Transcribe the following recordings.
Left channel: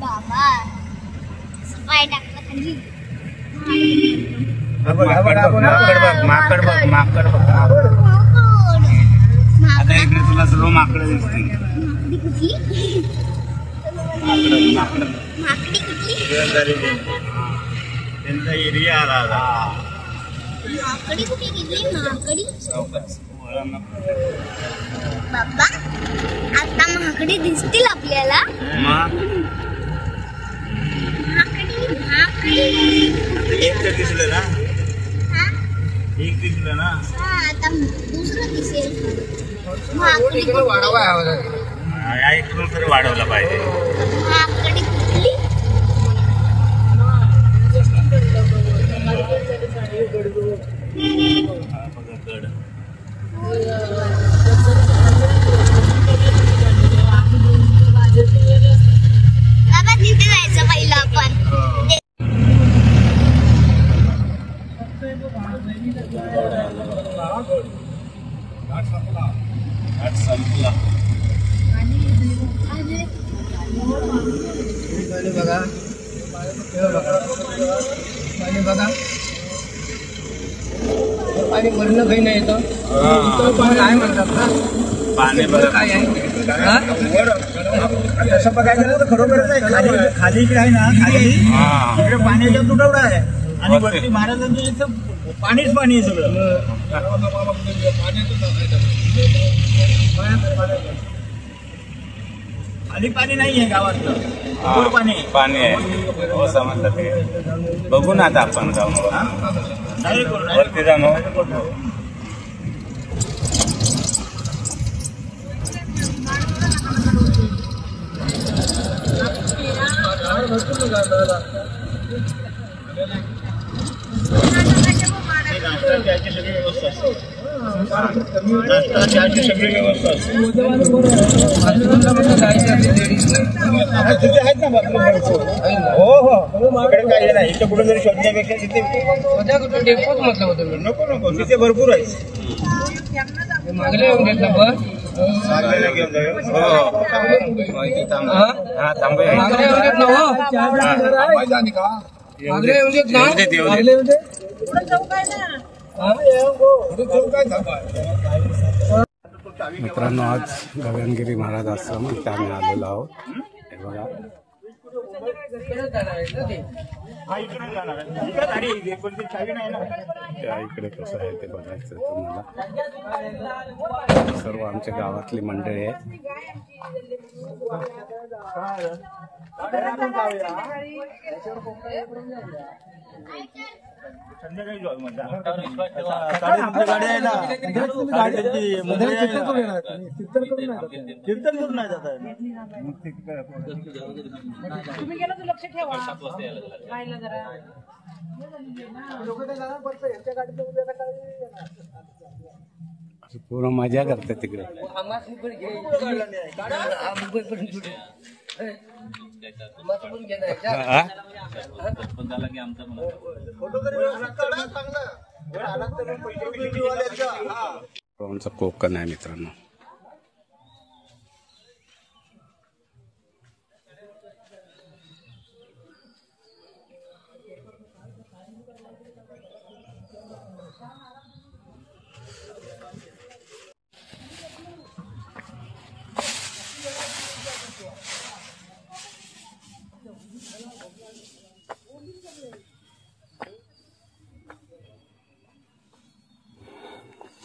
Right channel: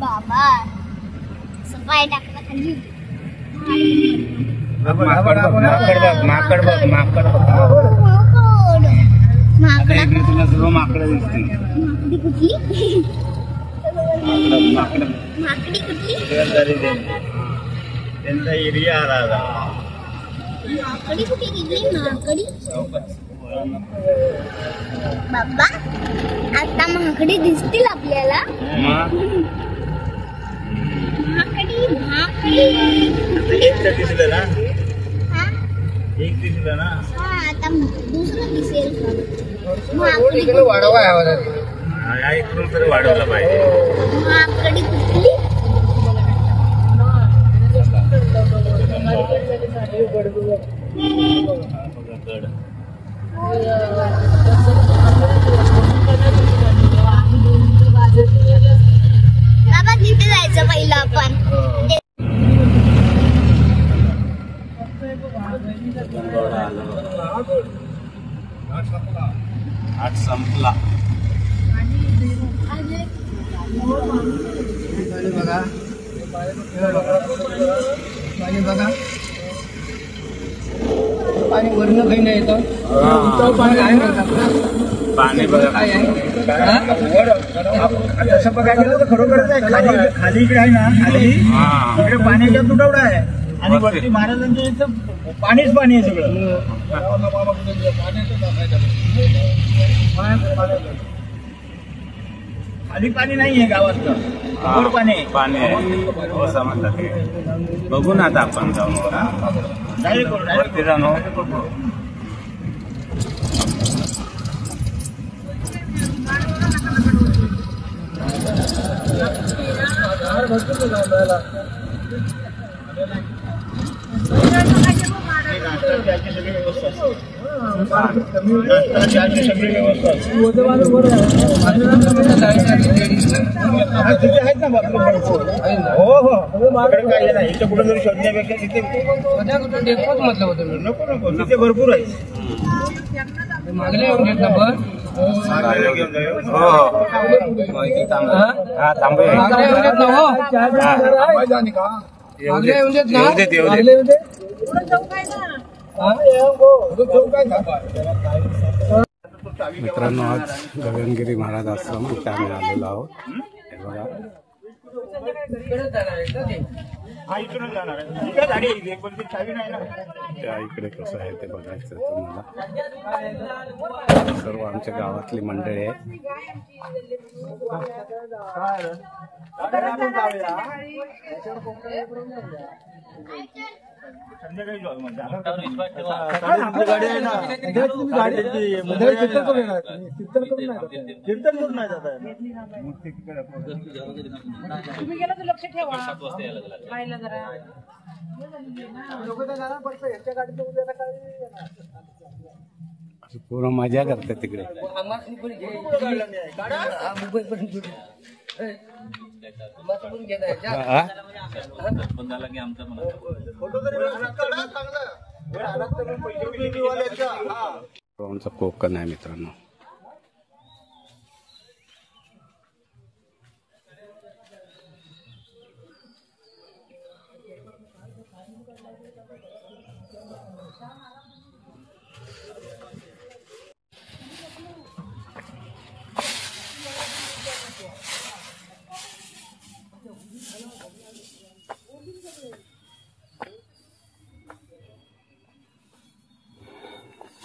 बाबा सफाई टाकला खाली माकड बघ आता इकडे तुला सर्व माकड दिसतील माकडी कुठली एरिया आला माकडी कुठे गेली माकडी बाबा आता माकडी दिसतील आपल्याला एक दिसलं ना एक दिसलं ना आता दुसरं दिसेल इकडून तरी वाढवला पाहिजे माकडी कुठली बाबा तिथे जायचं पहिलं आपण आठ संपला पाणी भरणं काही नाही येतं पाणी म्हणतात पाणी बघा काय आहे अशा प्रकारे खरोखरच आहे खाली इकडे आहे ना इकडे पाण्याचा तुटवडा आहे आणि वरती महाराजांच्या इथं पाणीच पाणी आहे सगळं खाली पाणी नाही आहे गावातलं पाणी आहे हो समजलं ते बघू ना आता आपण जाऊन वरती जाऊन बघू सगळी व्यवस्था तिथे आहेत ना हो हो काही नाही इथं कुठं जरी शोधण्यापेक्षा तिथे नको नको तिथे भरपूर आहे मागले येऊन घेतलं बस मित्रांनो आज गगनगिरी महाराज आश्रम इथे आम्ही आलेलो आहोत हे बघा त्या इकडे कसं आहे ते बघायचं तुम्हाला सर्व आमच्या गावातली मंडळी आहेत संध्याकाळी जाऊ कीर्तन करून नाही जात तुम्ही गेलो तर लक्ष ठेवा पाहिलं जरा पूर्ण मजा करते तिकडे कोकण आहे मित्रांनो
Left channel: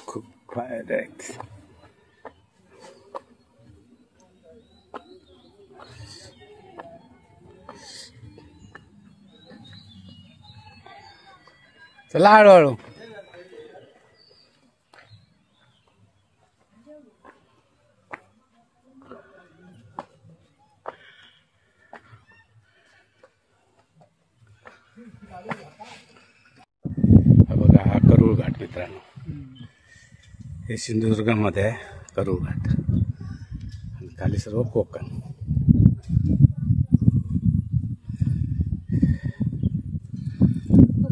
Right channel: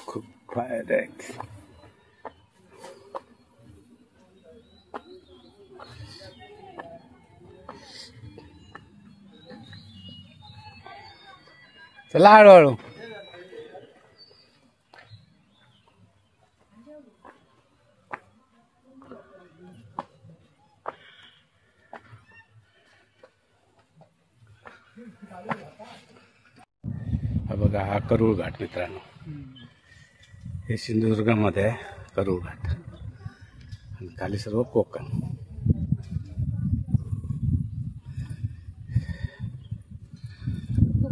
खूप फायदा आहेत चला हळूहळू करूळ घाट मित्रांनो. हे सिंधुदुर्गामध्ये आहे करूळ घाट आणि खाली सर्व कोकण.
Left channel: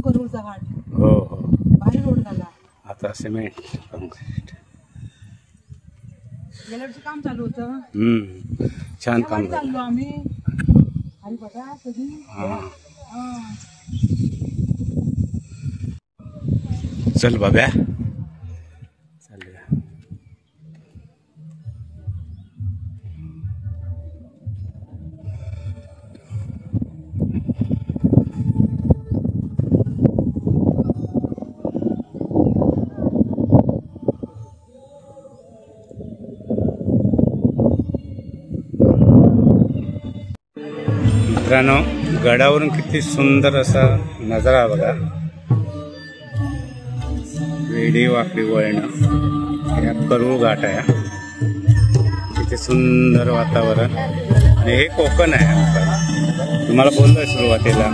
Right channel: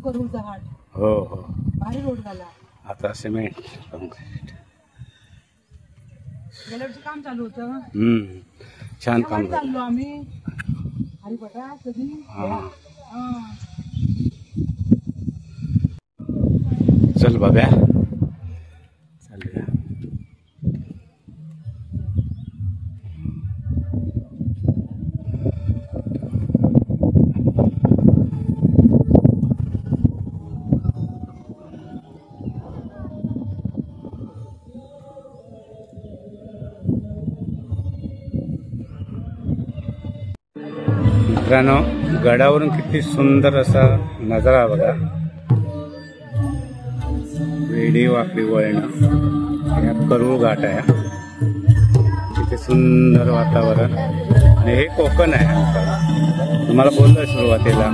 करूचा घाट हो हो. भारी रोड झाला. आता सिमेंट कॉन्क्रीट. गेल्या वर्षी काम चालू होतं. छान काम झालं. चाललो आम्ही अरे बघा कधी चल बाब्या चालूया. मित्रांनो गडावरून किती सुंदर असा नजारा बघा. वेडी वाकडी वळणं. या करूळ घाट आहे. किती सुंदर वातावरण आणि हे कोकण आहे आमचं. तुम्हाला बोललोय सुरुवातीला.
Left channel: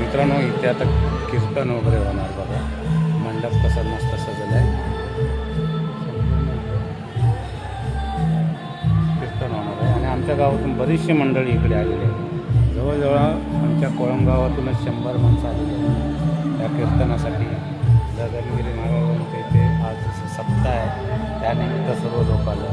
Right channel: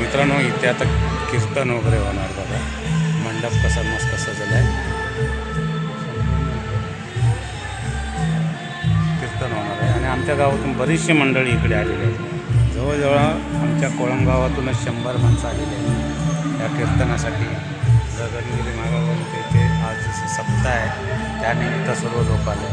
मित्रांनो इथे आता कीर्तन वगैरे होणार बघा. मंडप कसा मस्त सजलाय. कीर्तन होणार आहे आणि आमच्या गावातून बरीचशी मंडळी इकडे आलेली आहेत. जवळजवळ आमच्या कोळम गावातूनच 100 माणसं आलेली आहेत या कीर्तनासाठी. गगनगिरी महाराजांचे इथे आज सप्ताह आहे त्यानिमित्त सर्व लोक आले.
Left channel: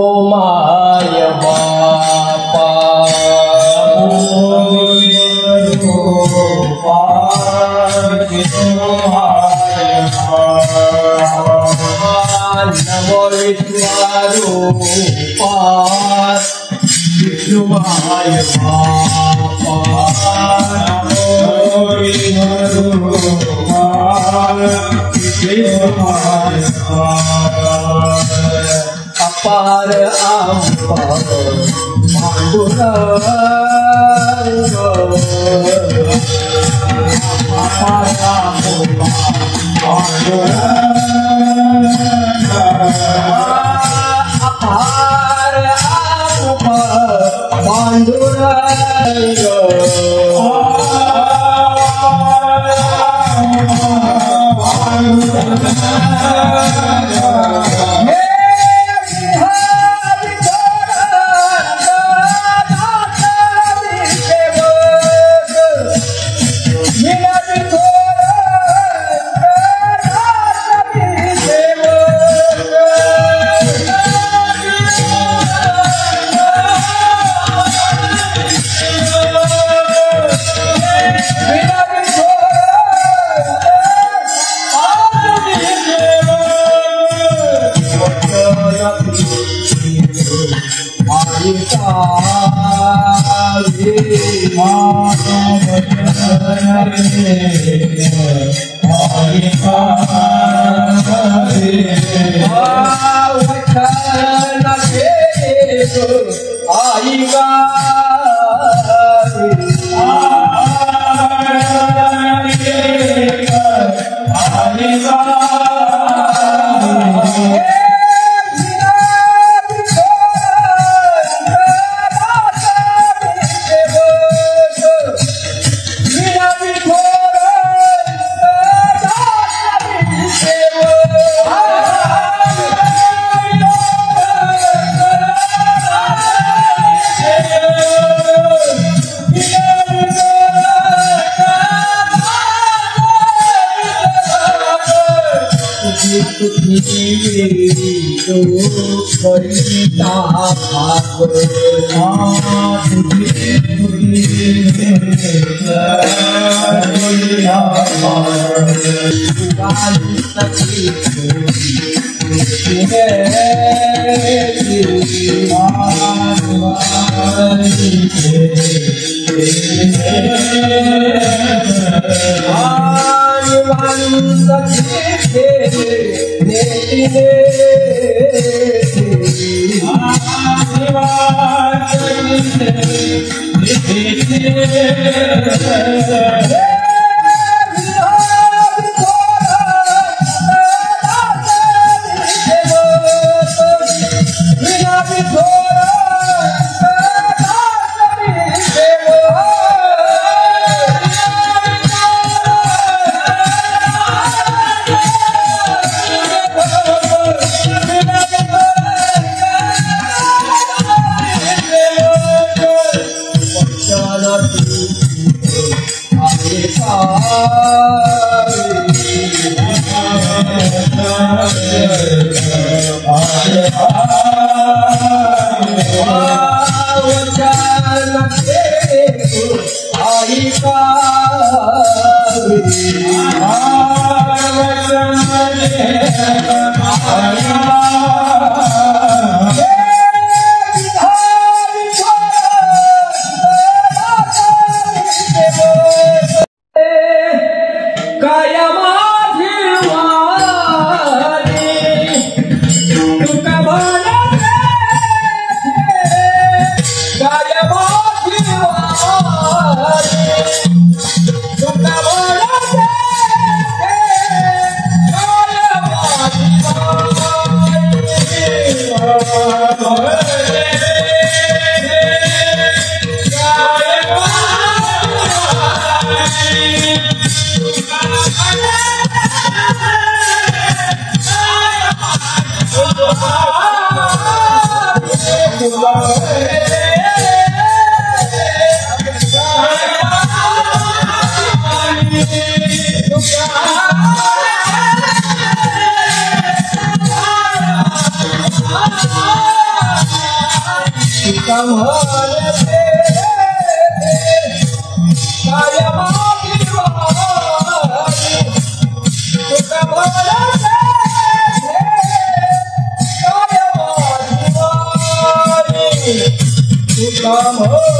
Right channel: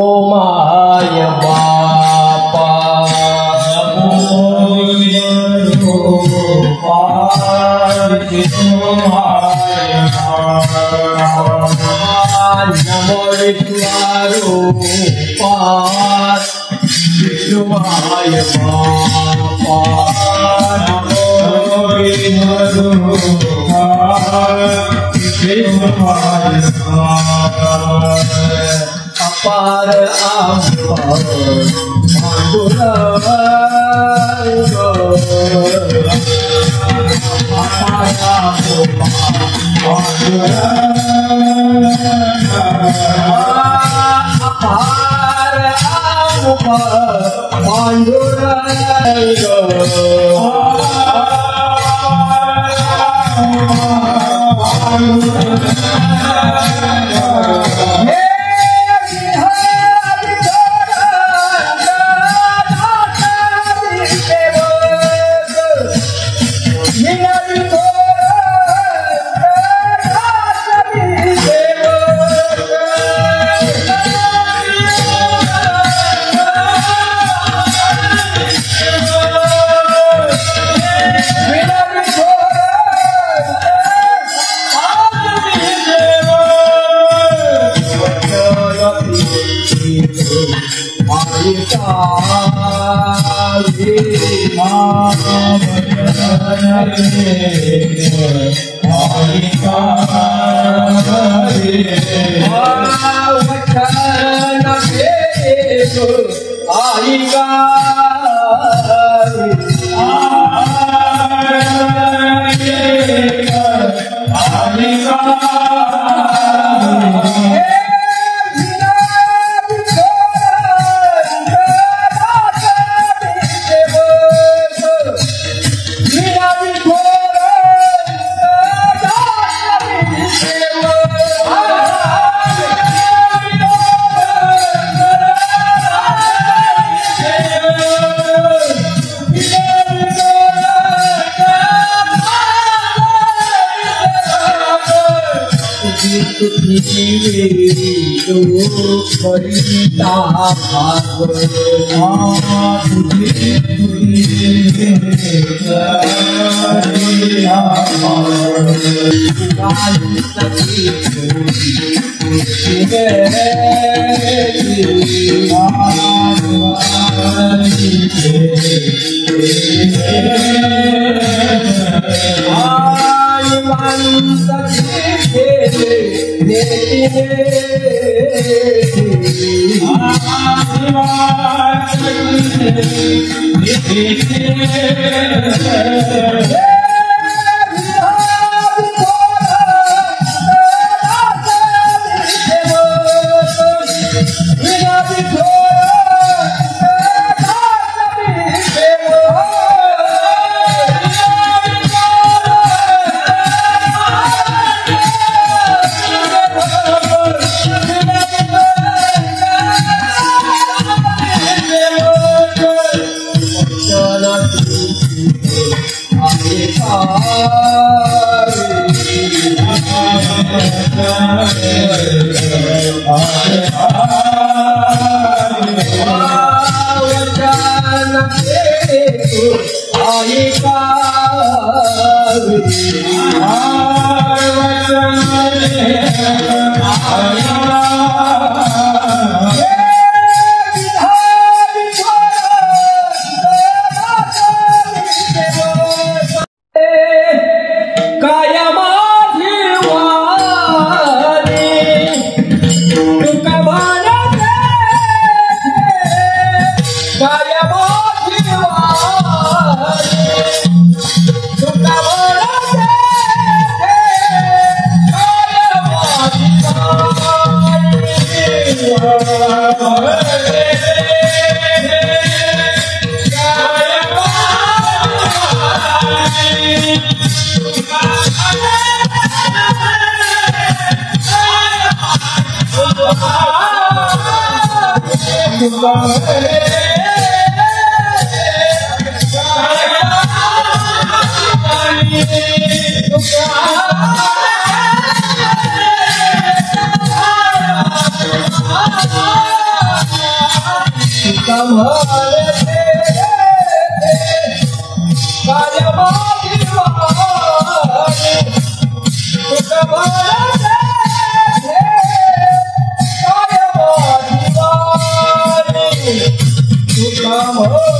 माय बापा नमो विष्णुरूपा विष्णुमाय बापा नमो विष्णुरूपा विष्णुमाय अपार अपार पांडुरंग अपार Hare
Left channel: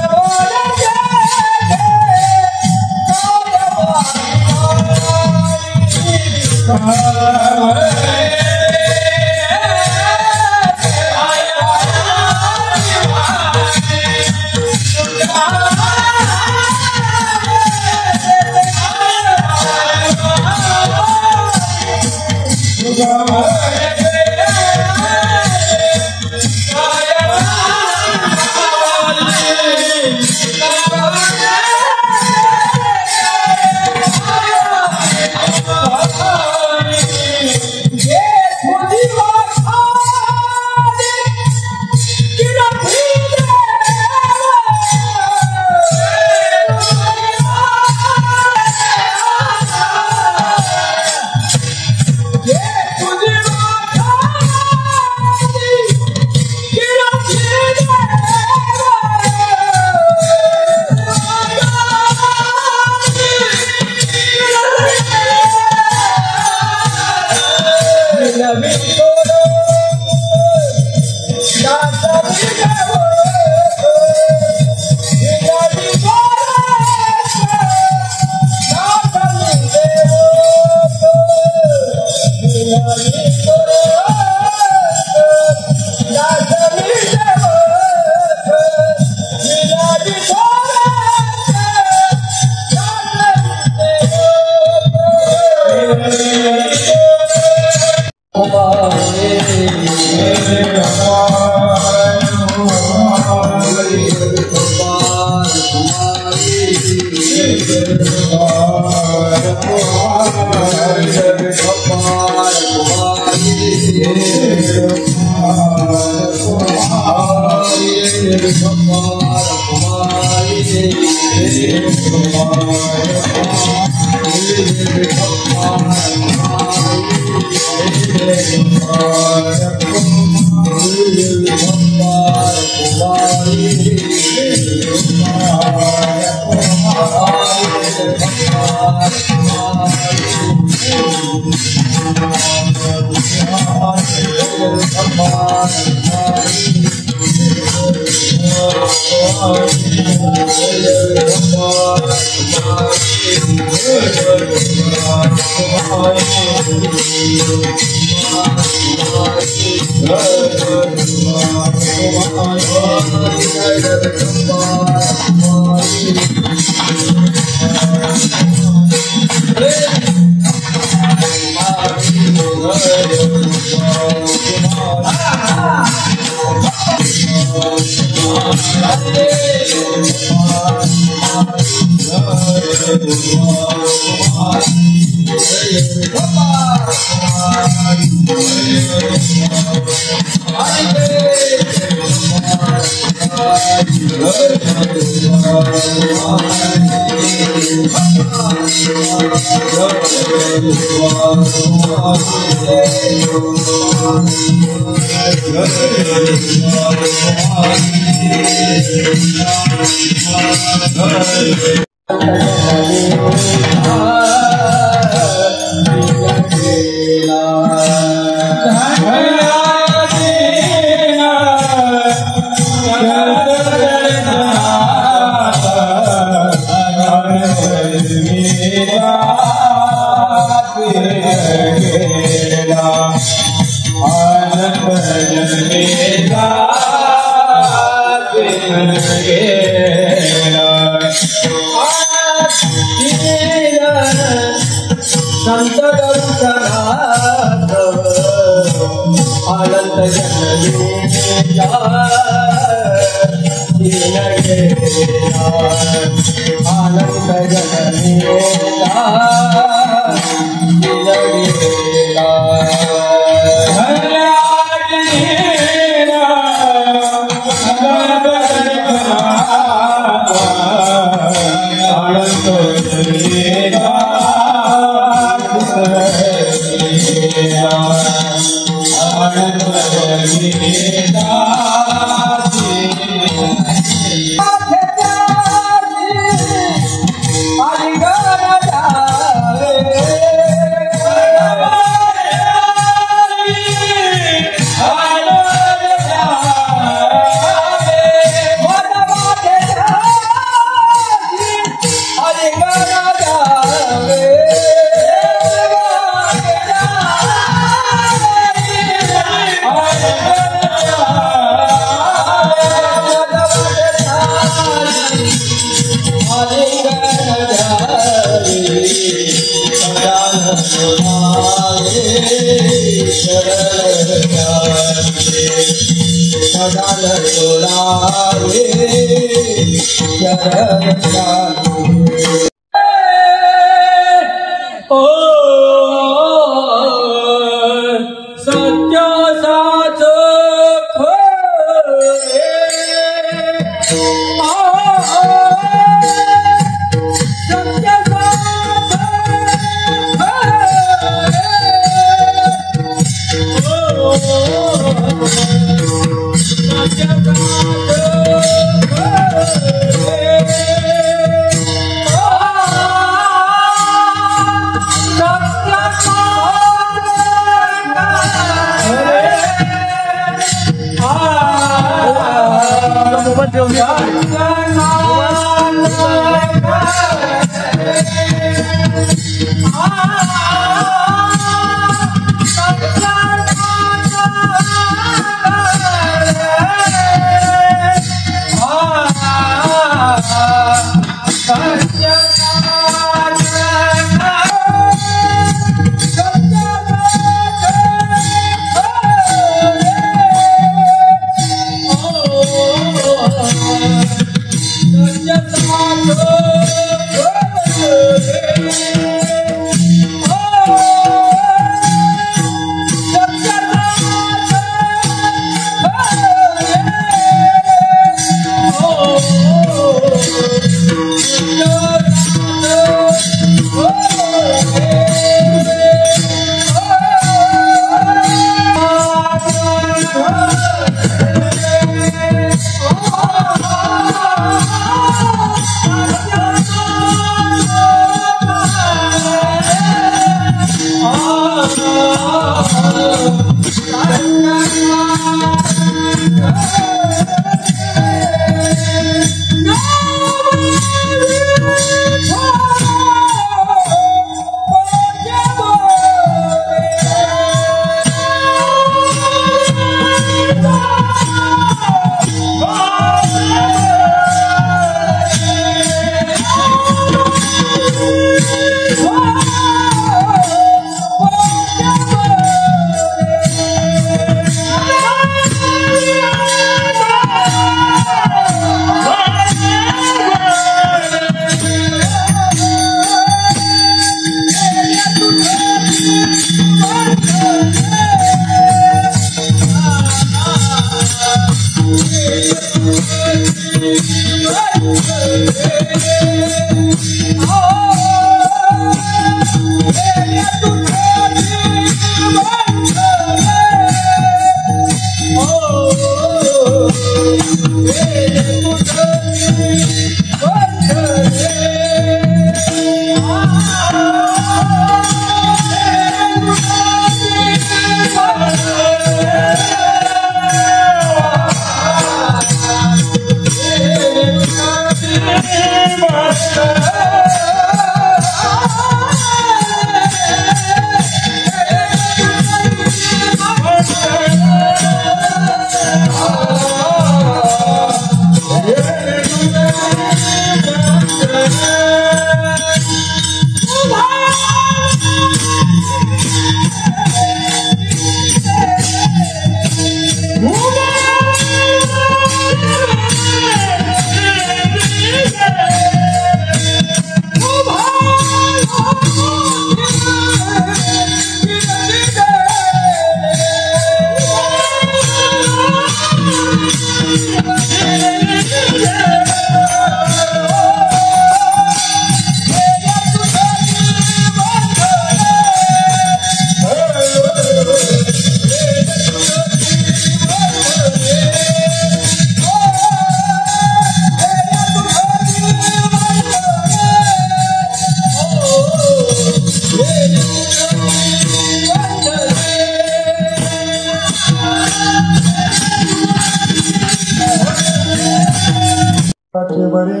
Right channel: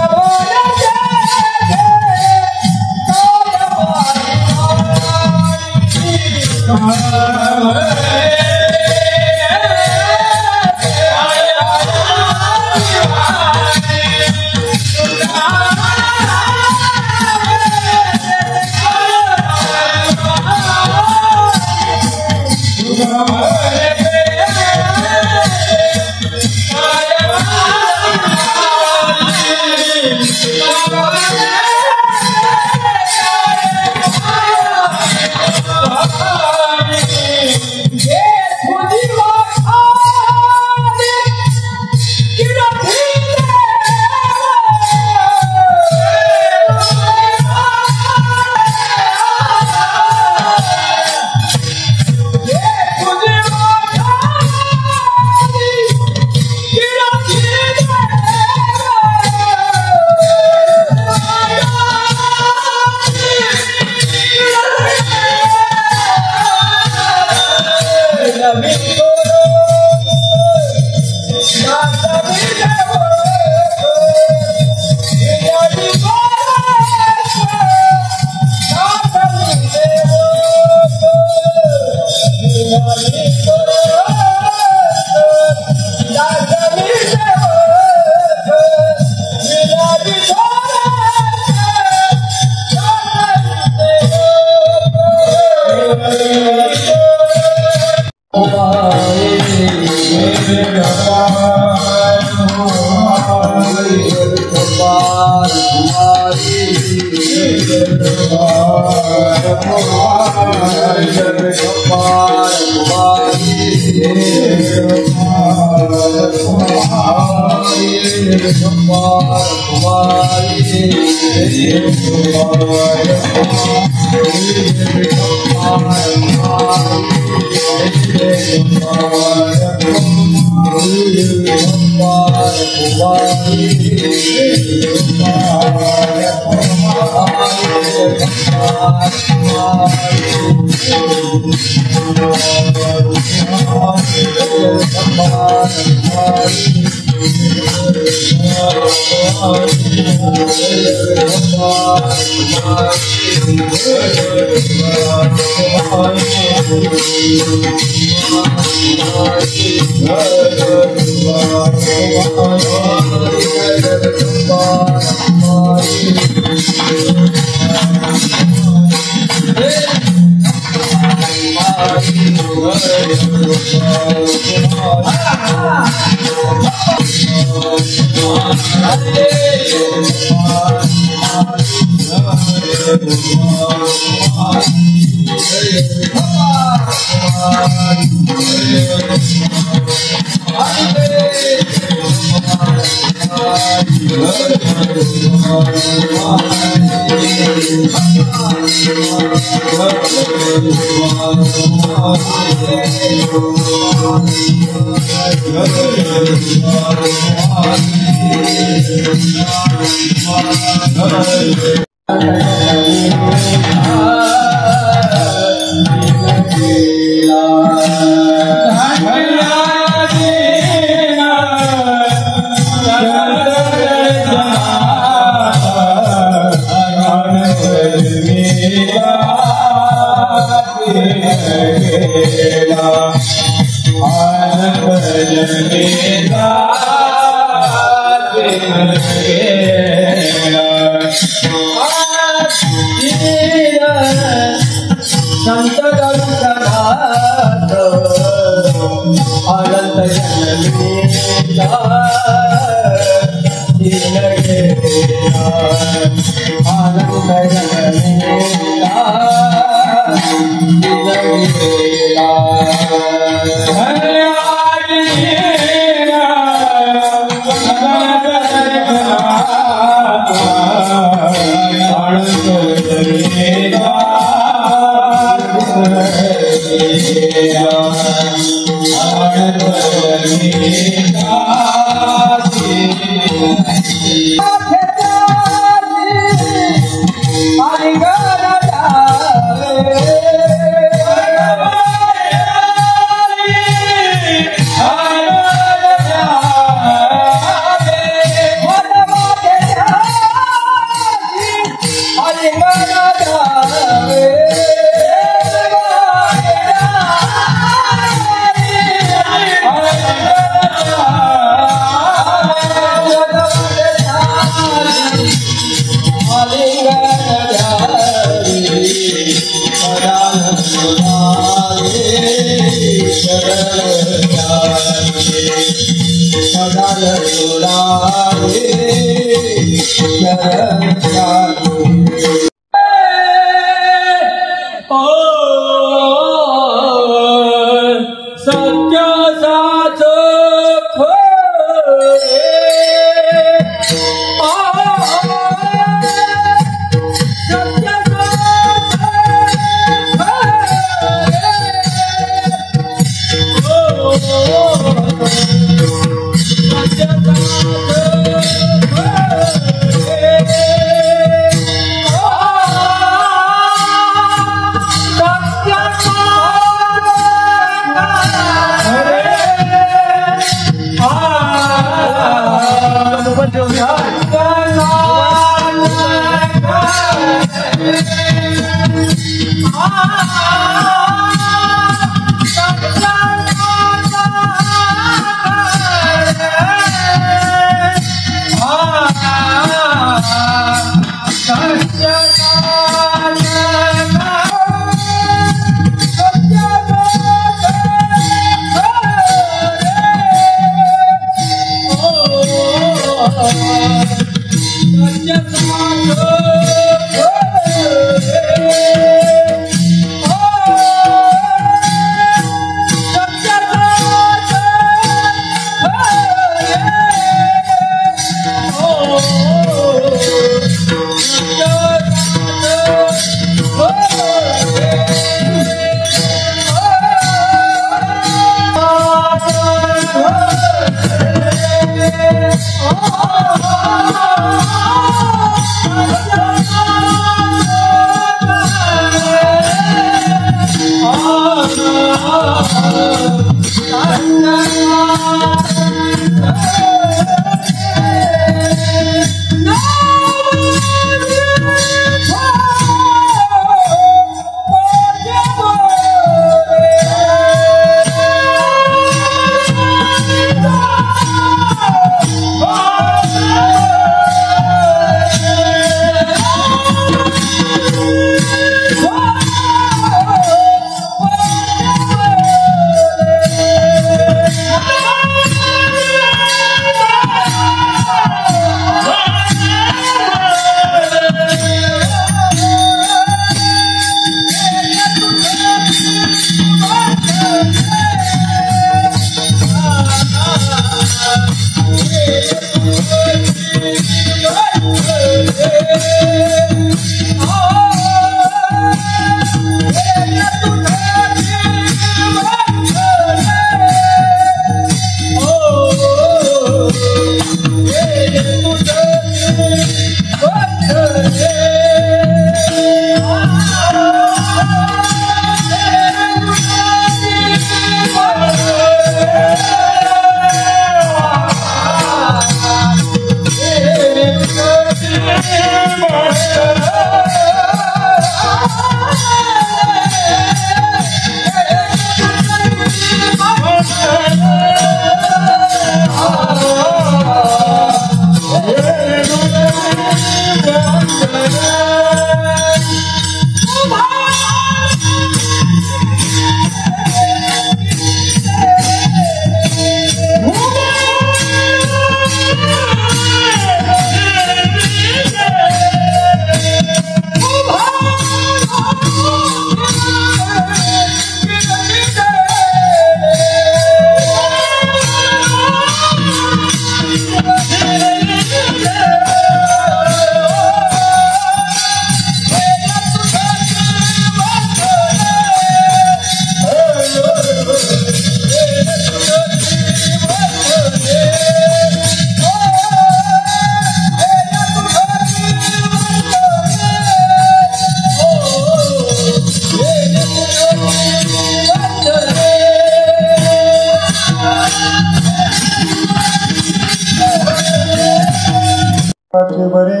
बरे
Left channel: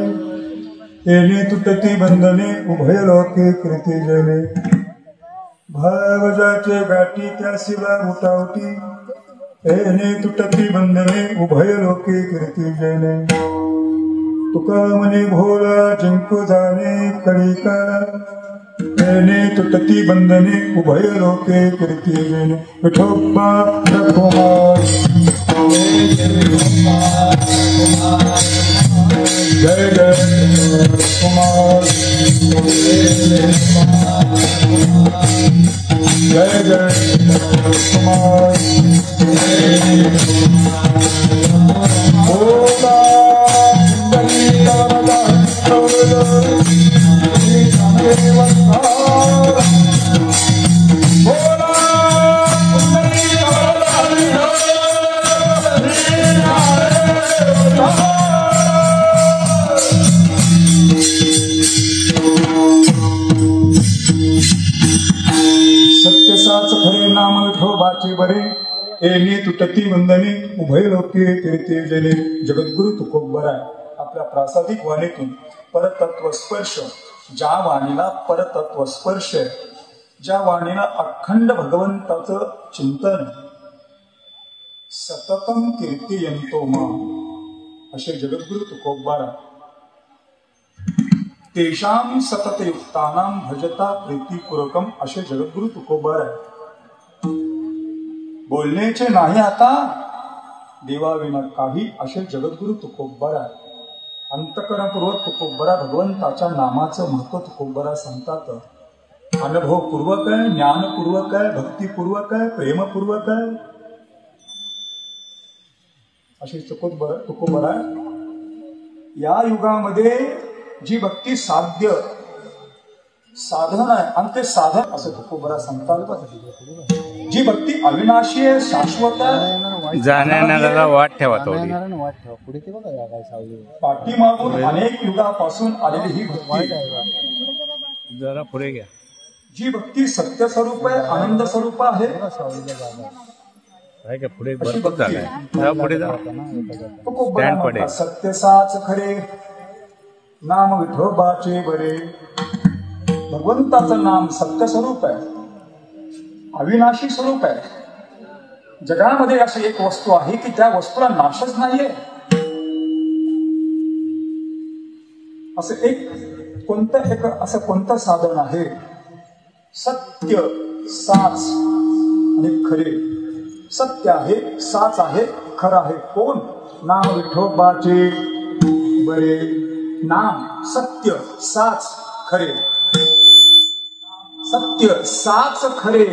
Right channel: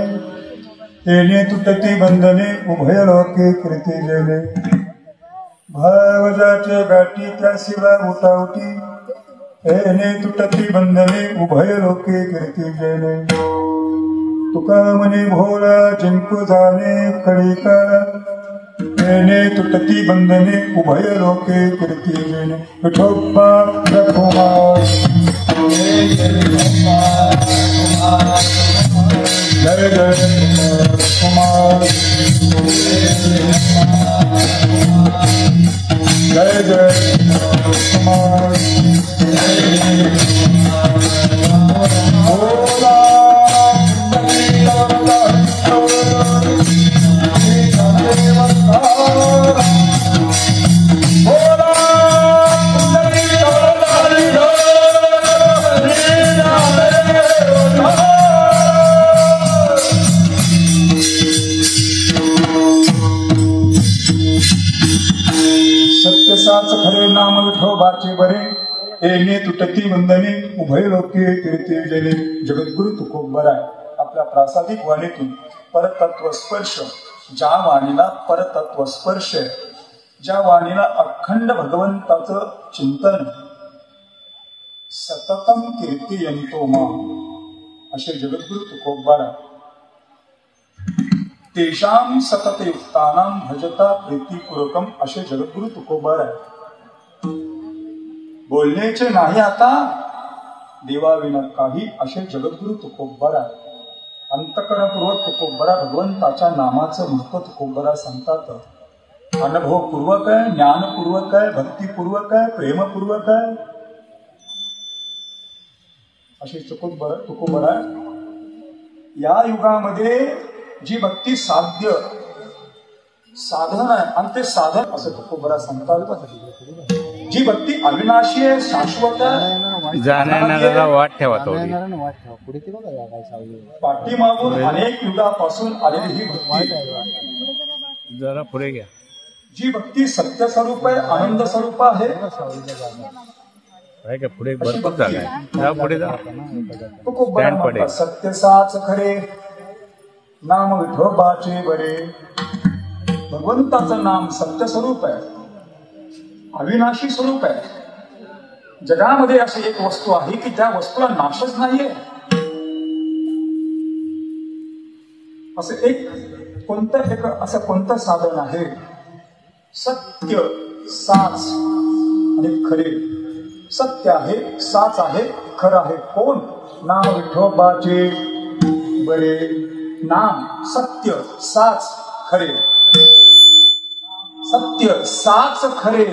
तेने तुटती बंधने उभय लोके कृती जले भावजाचे गाठी त्यासिला उठावटी तेने तुटती बंधने उभय लोके कृती जले तुका मनी भोळा जिंकू जाणे कळी काळ येणे तुटती बंधने उभय लोके कीर्ती जैन विठोबा रघुमार जय जय कुमार जय जय कुमार सत्यसाच खरे नाम विठोबाचे बरे येणे तुटती वंदने उभय लोके कीर्ती जने जगद्गुरु तुकोबरा आपल्या प्रासादिक वाणीतून परतत्व स्पर्श ज्या वाणीला परतत्व स्पर्श ज्या वाणीला अखंड भगवंताचं चिंतन सततम कीर्तियंतो मा असे जगद्गुरु तुकोबरा तेषां सततयुक्तानां भजता प्रीतिपूर्वकम असे जगद्गुरु तुकोबर आहे. बोलण्याचे नाही आता देवाविना काही असे जगद्गुरु तुकोबर आहे. अंतकरणपूर्वक तुकोबरा भगवंताच्या नामाचं महत्व तुकोबरा सांगतात. अनुभवपूर्वक आहे, ज्ञानपूर्वक आहे, भक्तिपूर्वक आहे, प्रेमपूर्वक आहे असे तुकोबरा आहे. या युगामध्ये जी भक्ती साध्य साधन आहे आणि ते साधन असं तुकोबरा सांगतात. जी भक्ती अविनाशी आहे, शाश्वत आहे, जाण्याला वाट ठेवा थोडी. पाठीमागून अनेक युगापासून आलेली ही भक्ती जरा पुढे घ्या. जी भक्ती सत्य स्वरूप आहे, आनंद स्वरूप आहे का पुढे भरपूर झालाय. जा पुढे जा. स्टँड पडेल. सत्यसाच खरे नाम विठोबाचे बरे. भगवंताचं नाम सत्य स्वरूप आहे, अविनाशी स्वरूप आहे. जगामध्ये अशी एक वस्तू आहे की त्या वस्तूला नाशच नाहीये. असं कोणतं साधन आहे? सत्य, साच आणि खरे. सत्य आहे, साच आहे, खरं आहे. कोण? नाम विठोबाचे बरे. नाम सत्य, साच, खरे. सत्य, साच, खरे.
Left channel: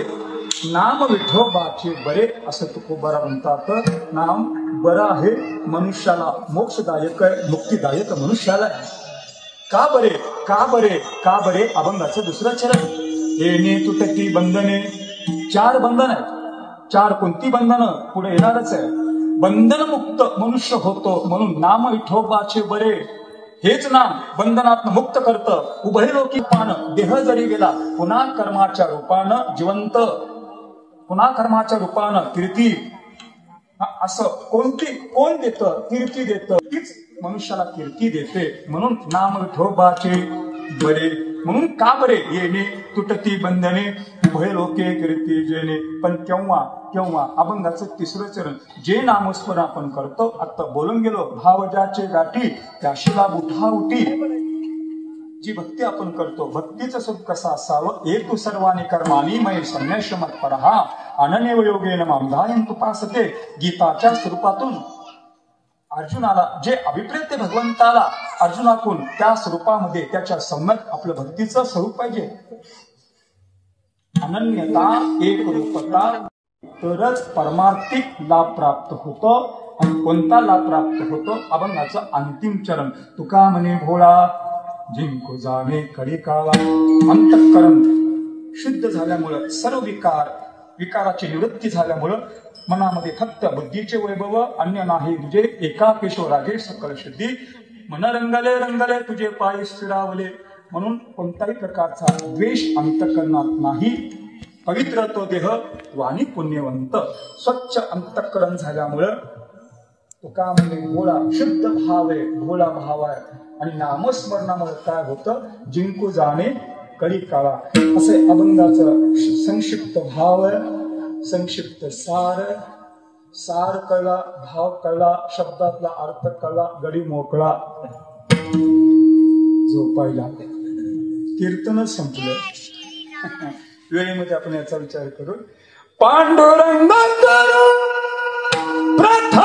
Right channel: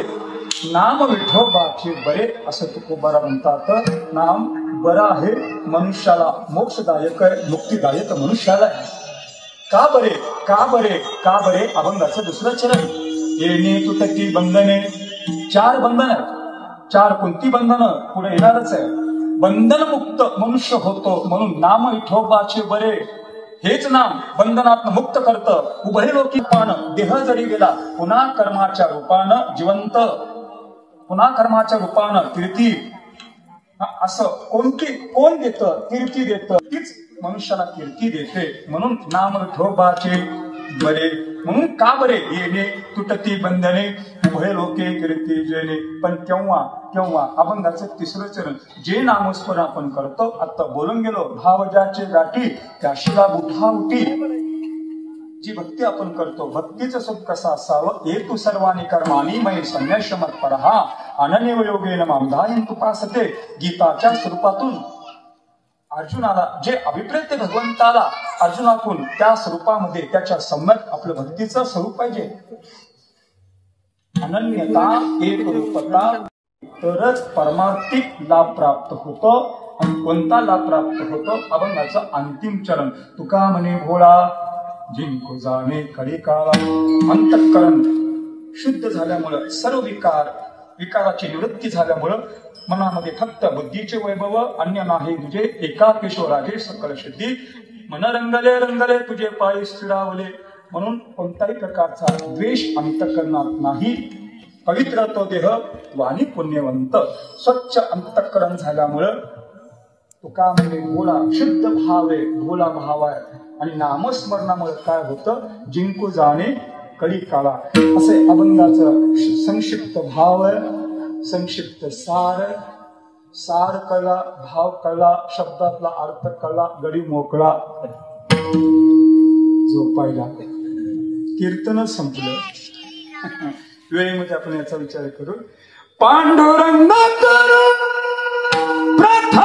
नाम विठोबाचे बरे असं तुकोबारा म्हणतात. नाम बरं आहे, मनुष्याला मोक्षदायक आहे, मुक्तिदायक मनुष्याला आहे. का बरे? का बरे? का बरे? अभंगाचं दुसरं चरण. येणे तुटती बंधने. 4 बंधन आहेत. 4 कोणती बंधनं? पुढे येणारच आहे. बंधनमुक्त मनुष्य होतो म्हणून नाम विठोबाचे बरे. हेच नाम बंधनात मुक्त करतं. उभय लोकी पान देह जरी गेला पुन्हा कर्माच्या रूपानं जिवंत, पुन्हा कर्माच्या रूपानं कीर्ती. असं कोण देतं? कीर्ती देतं. तीच मनुष्याला कीर्ती देते. म्हणून नाम विठोबाचे बरे. म्हणून का बरे? येणे तुटती बंधने उभय लोके कीर्ती जेणे. पण केव्हा अभंगाचं 3रं चरण. जे नामस्मरण आपण करतो, आता बोलून गेलो, भाव ज्याचे गाठी त्याशिला बुठा उठी. जी भक्ती आपण करतो, भक्तीचं सुख कसं असावं? हेतू सर्वानी कर्मानी मय संन्यासमत परहा अनन्य योगेन मामधायन तुपासते. गीताच्या स्वरूपातून अर्जुनाला जे अभिप्रेत भगवंताला अर्जुनातून त्या स्वरूपामध्ये त्याच्या सम्यक आपलं भक्तीचं स्वरूप पाहिजे. अनन्यता, एक रूपता, तरच परमार्थिक लाभ प्राप्त होतो. आणि कोणता लाभ प्राप्त होतो? अभंगाचं अंतिम चरण. तुका म्हणे भोळा जिंकू जाणे कलिकाला. अंतःकरण शुद्ध झाल्यामुळं, सर्व विकाराची निवृत्ती झाल्यामुळं मनामध्ये फक्त बुद्धीचे वैभव, अन्य नाही तुझे. एकापेशो रागे सकल शुद्धी. मन रंगले तुझे पाय स्थिरावले. म्हणून कोणत्याही प्रकारचा द्वेष अंतःकरणात नाही. पवित्र तो देह, वाणी पुण्यवंत. स्वच्छ अंतःकरण झाल्यामुळं तुका म्हणजे भोळा, शुद्ध भाव आहे, भोळा भाव आहे. आणि नामस्मरणामुळे काय होतं? जिंकू जाणे कळी काळा. असे अभंगाचं संक्षिप्त भाव, संक्षिप्त सार कळला, भाव कळला, शब्दातला अर्थ कळला, गडी मोकळा. झोपायला कीर्तन संपलं. वेळेमध्ये आपण याचा विचार करू. पांडुरंग करू प्रथम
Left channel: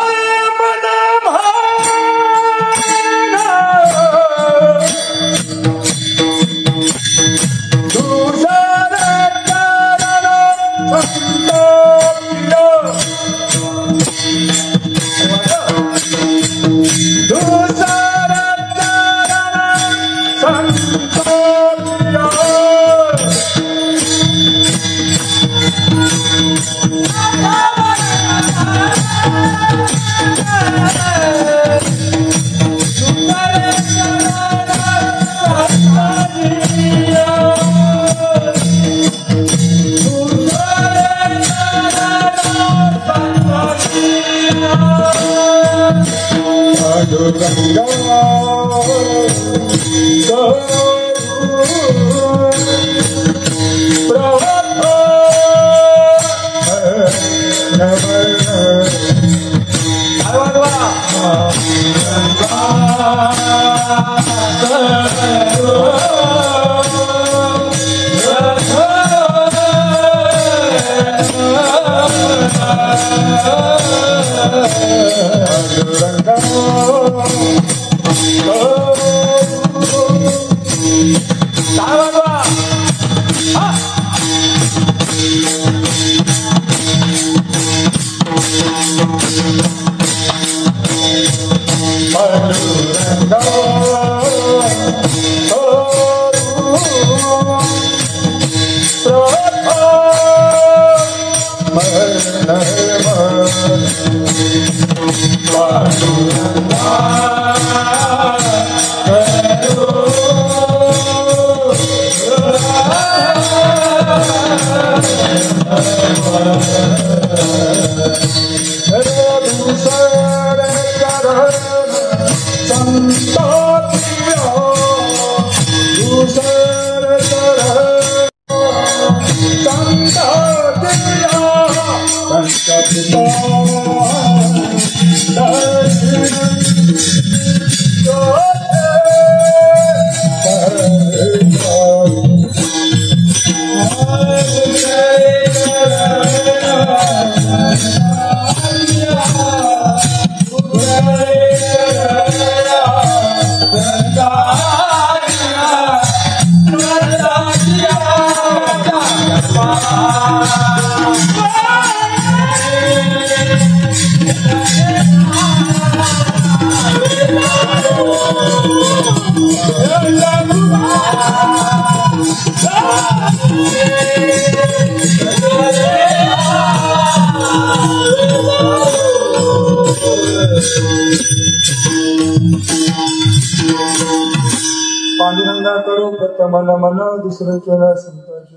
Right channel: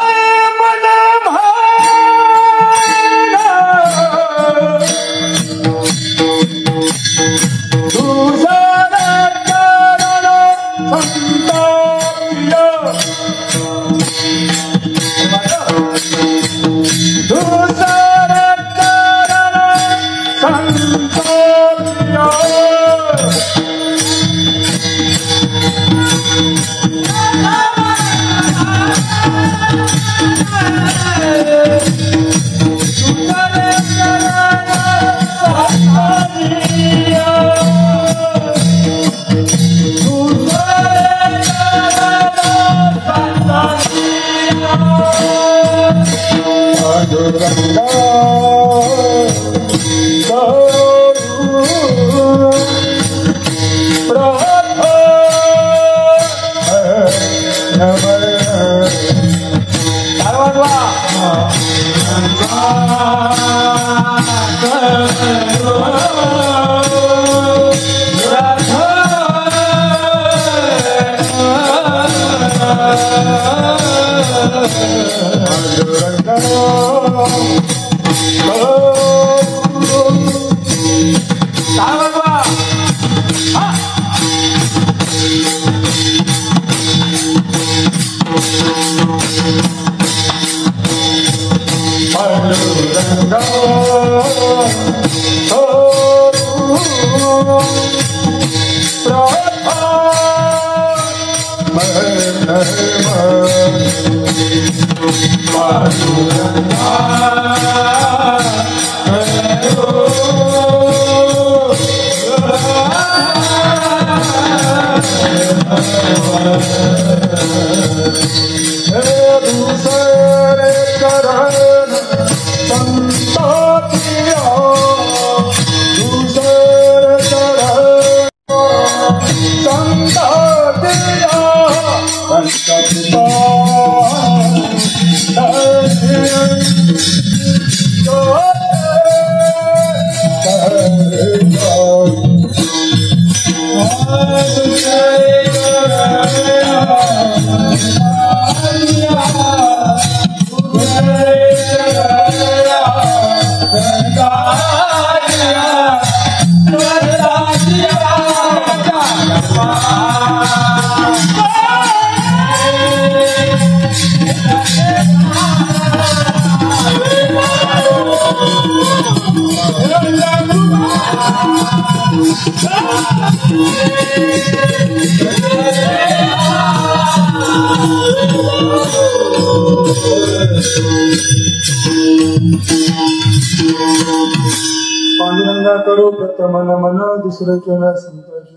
पांडुरंगा करो प्रथम मन दुसरं केलं संतोष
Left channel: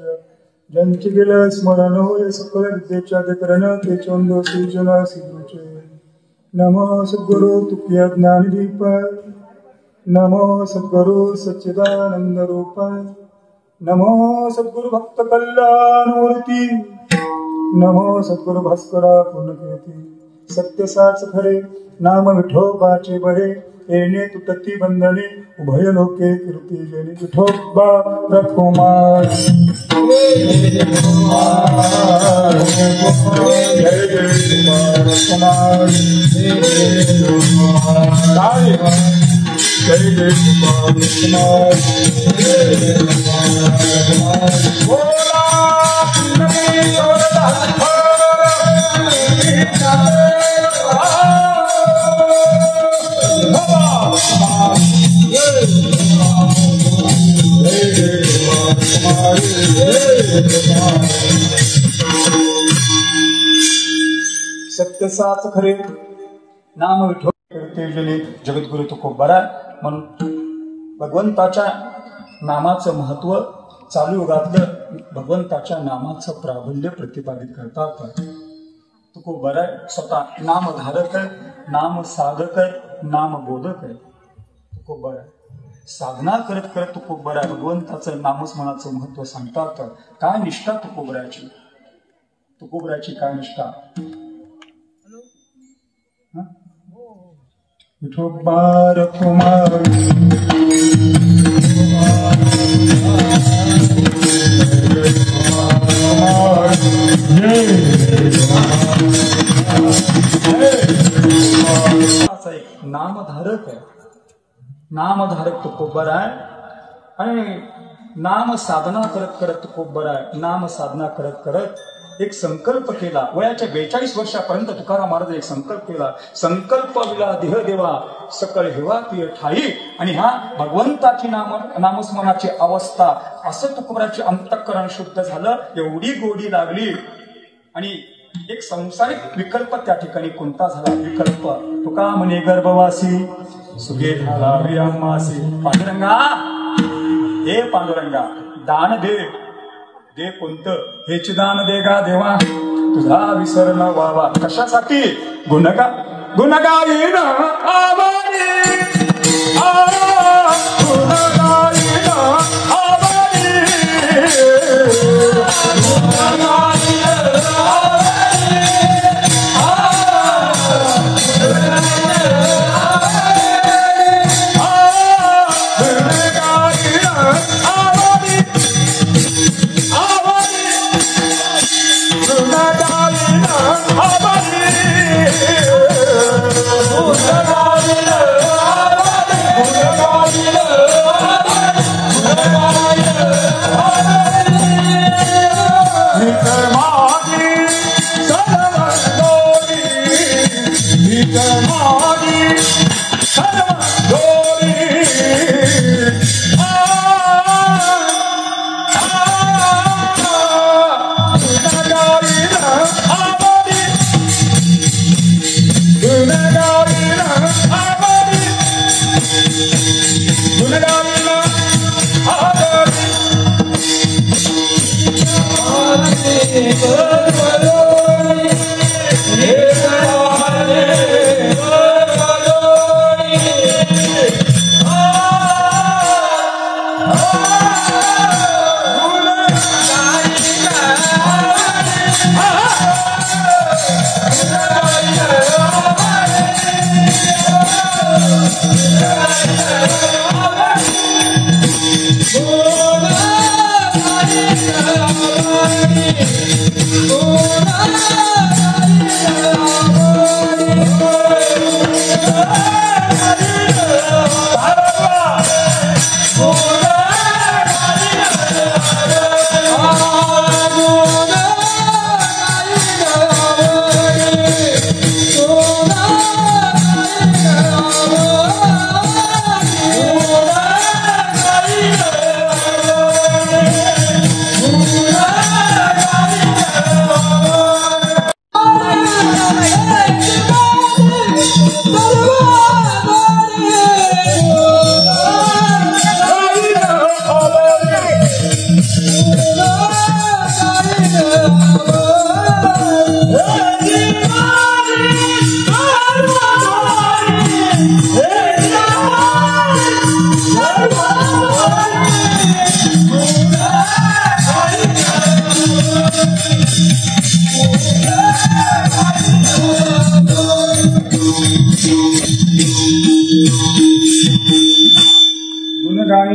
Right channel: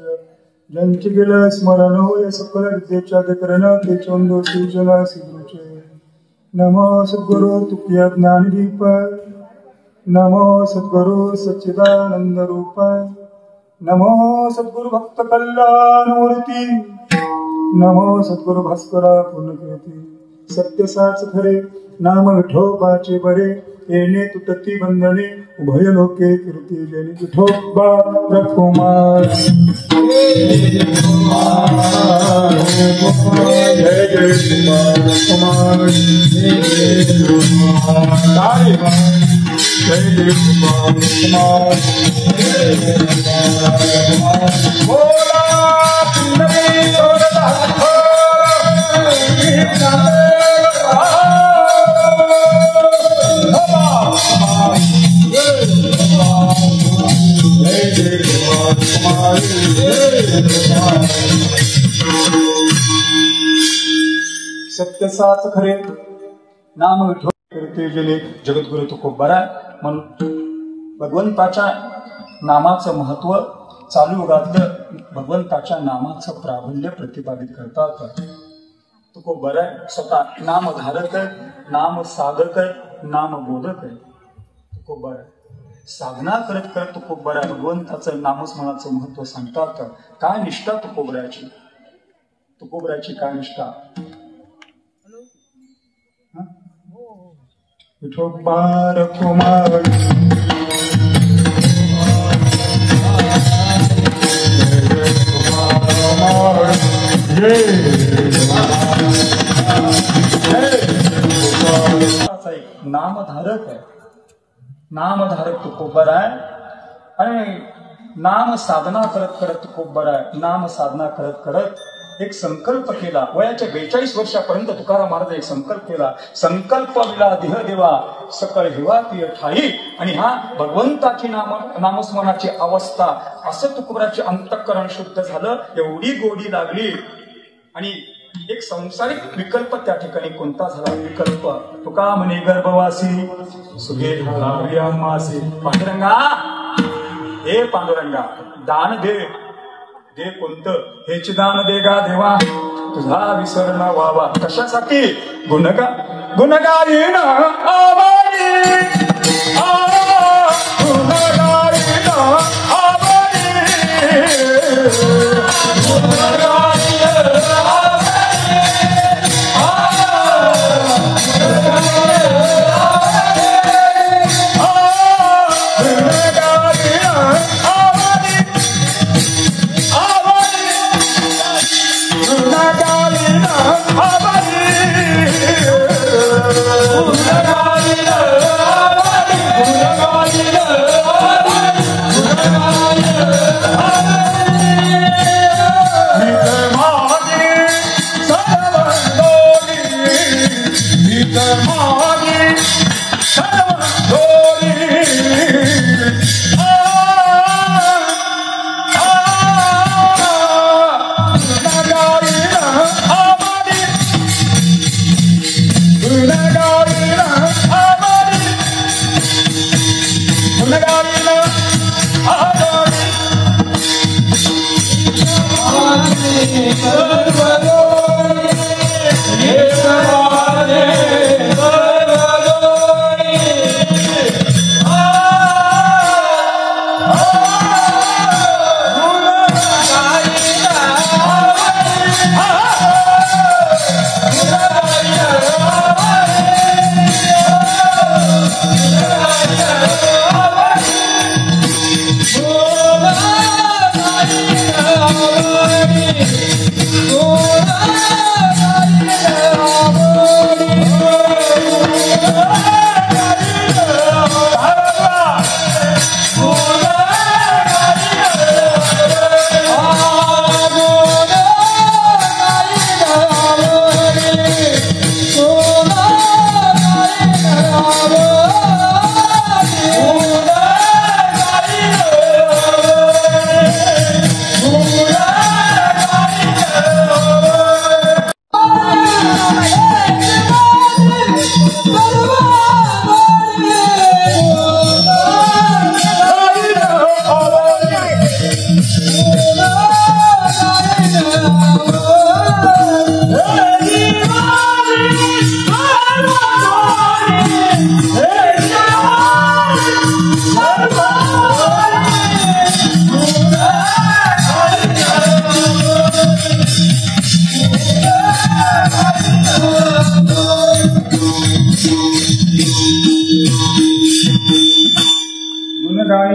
ज्यांचे गेलं स्मरण होय सकल विद्येच्या करण ते चोंदो सूचना सिद्धूचे. नमो सद्गुरु तुकिया ज्ञानदीप, नमो सद्गुरु सच्चिदानंद रूप, नमो सद्गुरु भक्त कल्याणमूर्ती, नमो सद्गुरु भास्करा पूर्णकीर्ती. सत्य साच खरे नाम विठोबाचे बरे, येणे तुटती बंधने उभय लोके कीर्ती जनी. विठोबा रकुमार जय जय कुमार जय जय सत्य साच खरे नाम विठो कीर्ती जनी. जगद्गुरु तुकोबरा म्हणून भगवंताच्या नामाचं महत्व चालू युगातलं भगवंताच्या नामाचं प्राबल्य प्रतिपादित करतात. तुकोबरा स्वतः नामधारक आहे, नाम साधक आहे, नाम बोधक आहे. तुकोबरा साधना करत करत तुकोबरा भगवंताचं नामस्मरणाचं महत्व सांगतात. काय निष्ठा तुकोबराची, तुकोबराची काय निष्ठा. विठोबा रकुमार धारक आहे, नामधारक तुकोबर आहे. आणि नाम साधना करत करत तुकोबर आहे. नाम साधना करत करत एक संकल्प केला. वयाच्या 42 वर्षापर्यंत तुकाराम महाराज एक संकल्प केला. संकल्प विला देह देवा सकळ हिवा तीर ठाई. आणि हा भगवंताची नामस्मरणाची अवस्था, असं तुकोबराचे अंतःकरण शुद्ध झालं. एवढी गोडी लागली. आणि एक संसारिक विकल्प त्या ठिकाणी कोणता झाला? विकल्प तुका म्हणे गर्भवासी सुगे मासी. पांडुरंगा, हे पांडुरंगा, दान दे. दे कोणतं? हेच दान दे गा देवा, तुझा विसर न व्हावा. कशासाठी? गुणगायीन आवारी, गुणगायीन आवारी,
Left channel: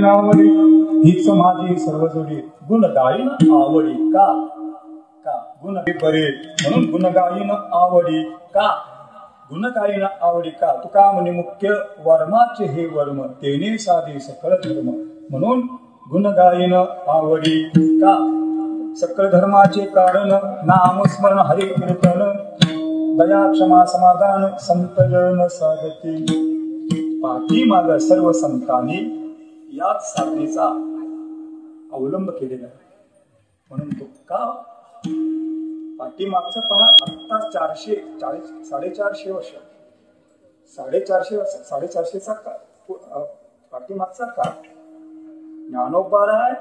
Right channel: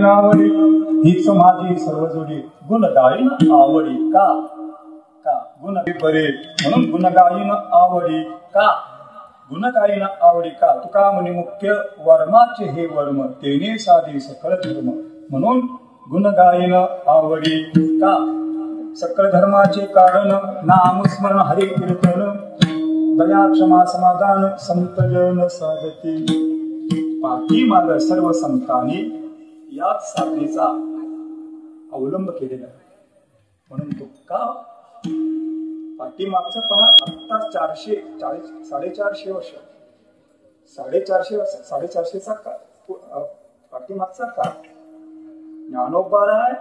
आवडी हीच माझी सर्व जोडी. गुण गायन आवडी का का गुण बरे म्हणून गुण गायन आवडी का. गुण गायन आवडी का. तुका म्हणे मुख्य वर्माचे हे वर्म तेने साधे सकळ धर्म. म्हणून गुण गायन आवडी का. सकळ धर्माचे कारण नामस्मरण हरि कीर्तन दया क्षमा समाधान संत जन साधती. पाठीमाग सर्व संतांनी याच साधनेचा अवलंब केलेला. म्हणून तो का पाठीमागचं पहा आत्ता 440 वर्ष 450 पाठीमागचा काळ. ज्ञानोबाराय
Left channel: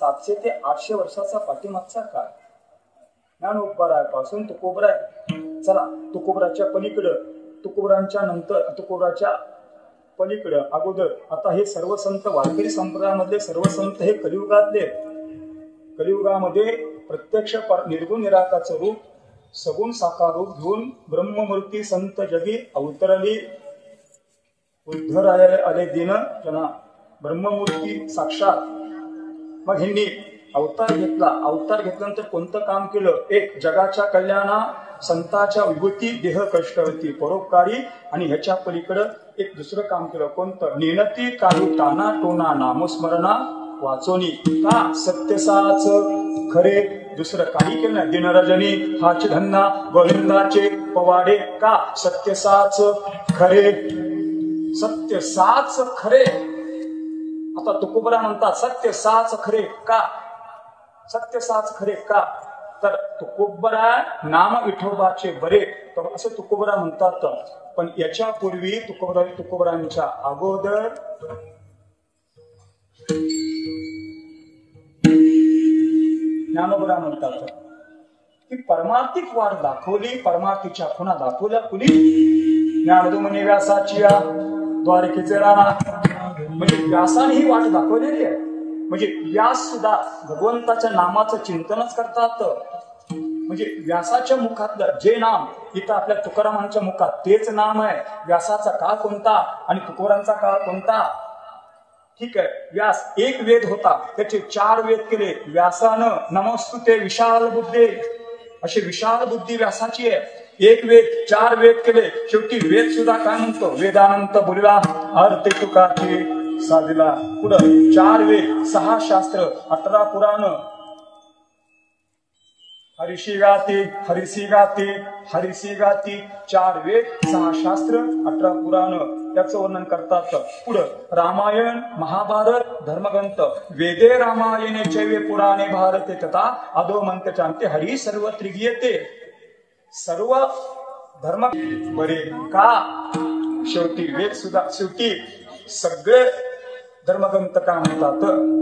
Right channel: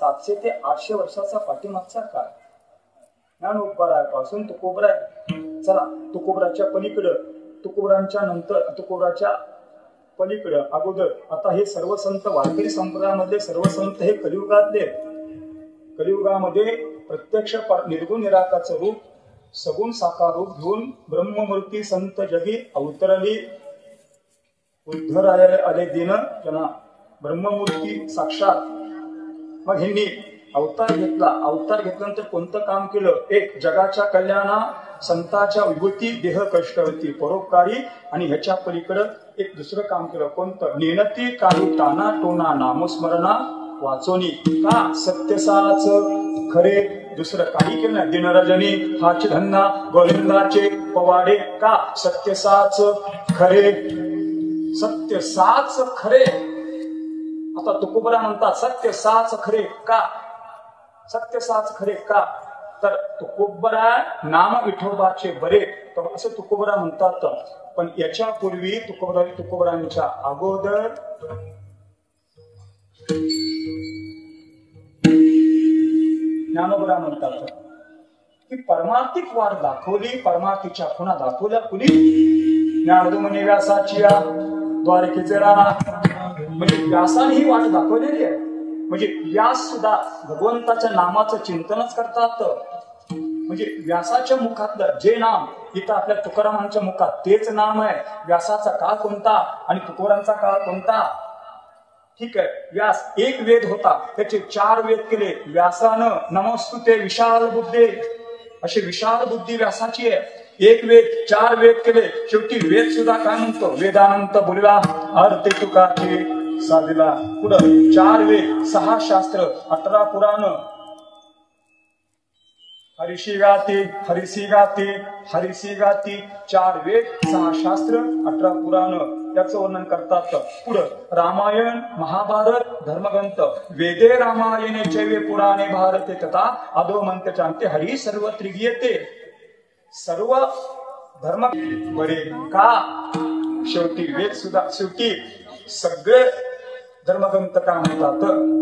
700 ते 800 वर्षाचा पाठीमागचा काळ. ज्ञानोबाराय पासून तुकोबराय. चला तुकोबराच्या पलीकडं, तुकोबरांच्या नंतर, तुकोबराच्या पलीकडं अगोदर आता हे सर्व संत वारकरी संप्रदायामध्ये सर्व संत हे कलियुगातले. कलियुगामध्ये प्रत्यक्ष निर्गुण निराकाराचं रूप सगुण साकार रूप घेऊन ब्रह्ममूर्ती संत जगी अवतरली. उद्धरायला आले दिन जना ब्रह्ममूर्ती साक्षात. मग ह्यांनी अवतार घेतला. अवतार घेतल्यानंतर कोणतं काम केलं? एक जगाच्या कल्याणा संतांच्या विभूती देह कष्ट होती परोपकारी आणि ह्याच्या पलीकडं एक दुसरं काम केलं. कोणतं? नेनती काही ताना टोना नामस्मरणा वाचोनी. का? सत्यसाच खरे, दुसरं काही केलं नाही. दिनरजनी हाच धंदा गोविंदाचे पवाडे. का? सत्यसाच खरे, सत्यसाच खरे. आता तुकोबरा म्हणतात सत्यसाच खरे. का? सत्यसाच खरे का? तर तुकोबरा नाम विठोबाचे बरे, तर असं तुकोबरा म्हणतात. पण याच्या पूर्वी तुकोबरांच्या अगोदर ज्ञानोबरा म्हणतात की परमार्थिक वाट दाखवली, परमार्थीच्या खुणा दाखवल्या कुणी? ज्ञानोदमुनी व्यासाची द्वारकेचे राणा, म्हणजे व्यासाने ही वाट दाखवलेली आहे. म्हणजे व्यास सुद्धा भगवंताच्या नामाचं चिंतनच करतात. म्हणजे व्यासाच्या मुखातलं जे नाम इथं आपल्या तुकारामांच्या मुखात तेच नाम आहे. व्यासाचा काळ कोणता आणि तुकोबारांचा काळ कोणता? ठीक आहे, व्यास एक वेद होता, त्याचे 4 वेद केले व्यासानं. नमोस्तुते विशाल बुद्धी, अशी विशाल बुद्धी व्यासाची आहे. एक वेद 4 वेद केले. शेवटी वेद सुद्धा काय म्हणतो? वेदांत बोलला अर्थ तुकाचे साधला. पुढं 4 वेद, 6 शास्त्र, 18 पुराण, हरिशी गाती, हरिसी गाती, हरिसी गाती, 4 वेद, 6 शास्त्र, 18 पुराण याचं वर्णन करतात. पुढं रामायण, महाभारत, धर्मग्रंथ. वेदे रामायणे चैवे पुराणे भारते तथा अधो मंत्रचांते हरी सर्वत्र गीयते. सर्व धर्म बरे का? शेवटी वेद सुद्धा, शेवटी सगळे धर्मग्रंथ काय म्हणतात?